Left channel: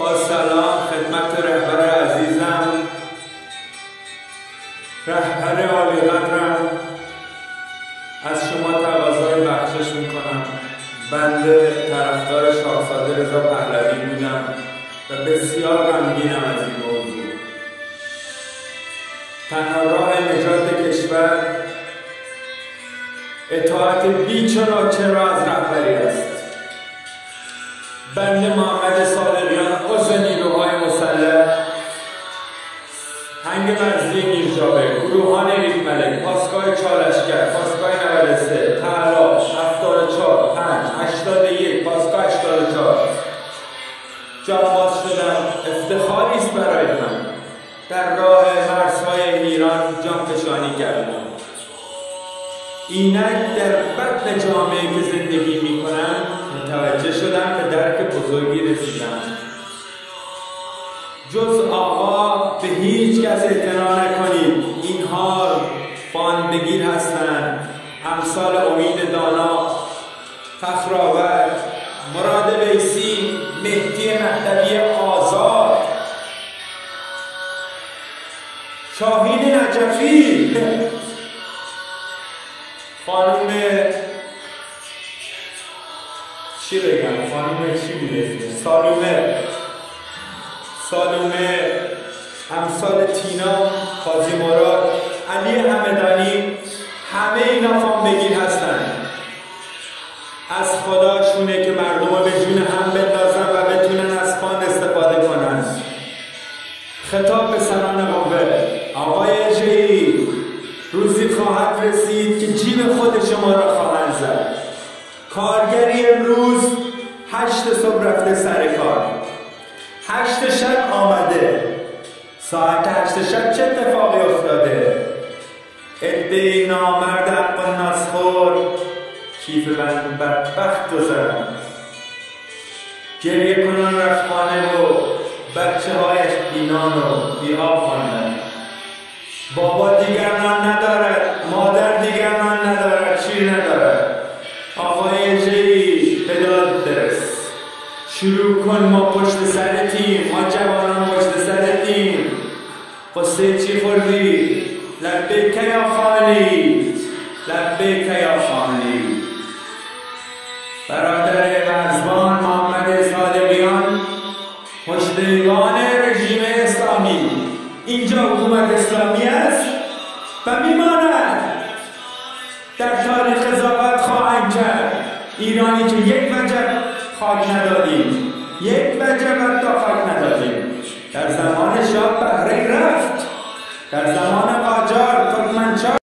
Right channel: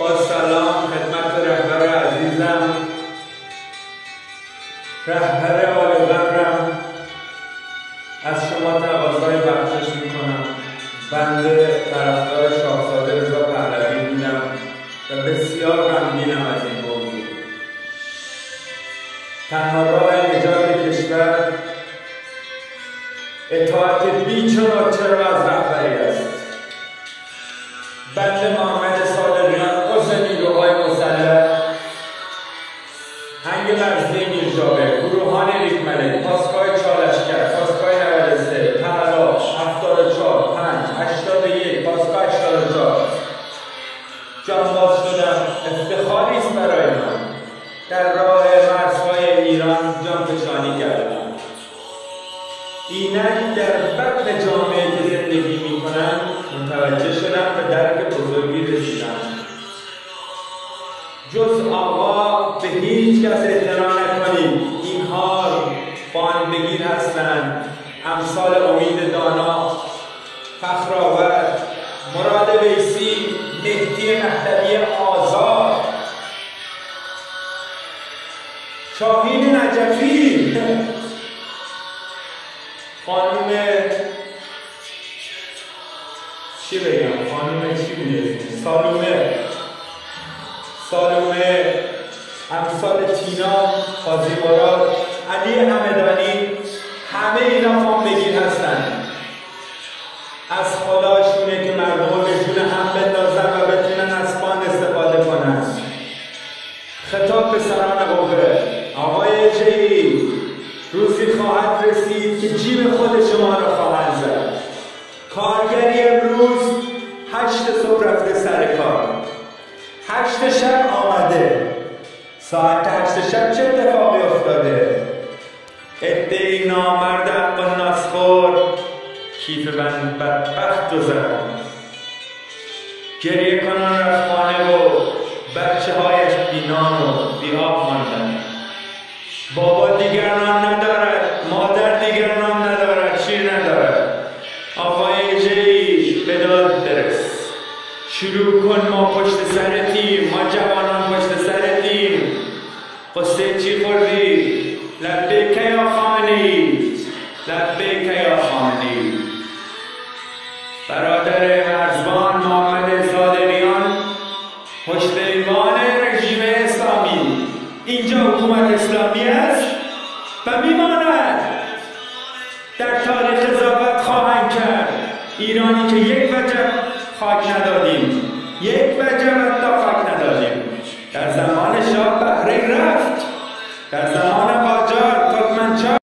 با سلام خدمت رهبر عزیزم، رهبر عالی قدرم، از شما تقاضای بخشش میکنم. بنده طرفدار شاهزاده رضا پهلوی بودم و بسیار غمگینم از این موضوع. تنها راه نجات کشور اطاعت بیچ و ناچرا از رهبری است. بنده محمد صادقیان عضو نیروهای مسلح هنگ مرزی میرجابر، گروهان ریگملک، پاسگاه چالشگر، پاسگاه 93، پهلا، 74، 5، 81، پاسگاه 84 جانباز شدم. افتخاری است برای من. در راه مرزهای ایران جانفشانی کردم. اینک در بطن جامعه که زندگی میکنم متوجه شدم، به درک بزرگی رسیدم. جز آقا به هیچ کس اعتنا نکنید. اینها فان بگیر هستند. امثال امید دانا، فخرآور، مراد ویسی، مهدی مهدوی آزاد، شاهین نجفی، خانوم چی بگم؟ خانوم چی بوده؟ سالومه، امثال تینا، قاضی مراد، علی همدانی، همه اینا فام بگیر هستن. از خداشونه که مردم رو به جون هم بندازن و بتونن از فان استفاده کنن. خطاب به سران قوه: آقای اجری، روزی خواهد رسید که جیب خود شما را خواهند زد. کارگری امروز 8 صبح رفته سر کار، 8 شب آمده. ساعت 8 شب چه اتفاقی افتاده؟ عده‌ای نامرد حق و ناسخور کیف بند بدبخت گذرن. گریه کنان رفت خانه و بچه هایش بینان و بی آب ماندن. بابا دیگر نان ندارد، مادر دیگر نان ندارد، شیر ندارد. آقای اجری به داد برس، شروع کن، ما پشت سرتیم، ما جوانان پشت سرتیم. قصه چی خوردی؟ لبیک یا خامنه‌ای، لبیک یا خامنه‌ای. برادر مرزبان محمد صادقیان، پشت ایوان رژیم اسلامی. اینجا حکومت اسلامی است و میماند. در تاریخ قضاوت خواهند کرد. ایرانی که یک وجب خاک ندادیم، یک وجب حتی خاک ندادیم. در زمان شاه بحرین رفت، در زمان قاجار ترکمنچای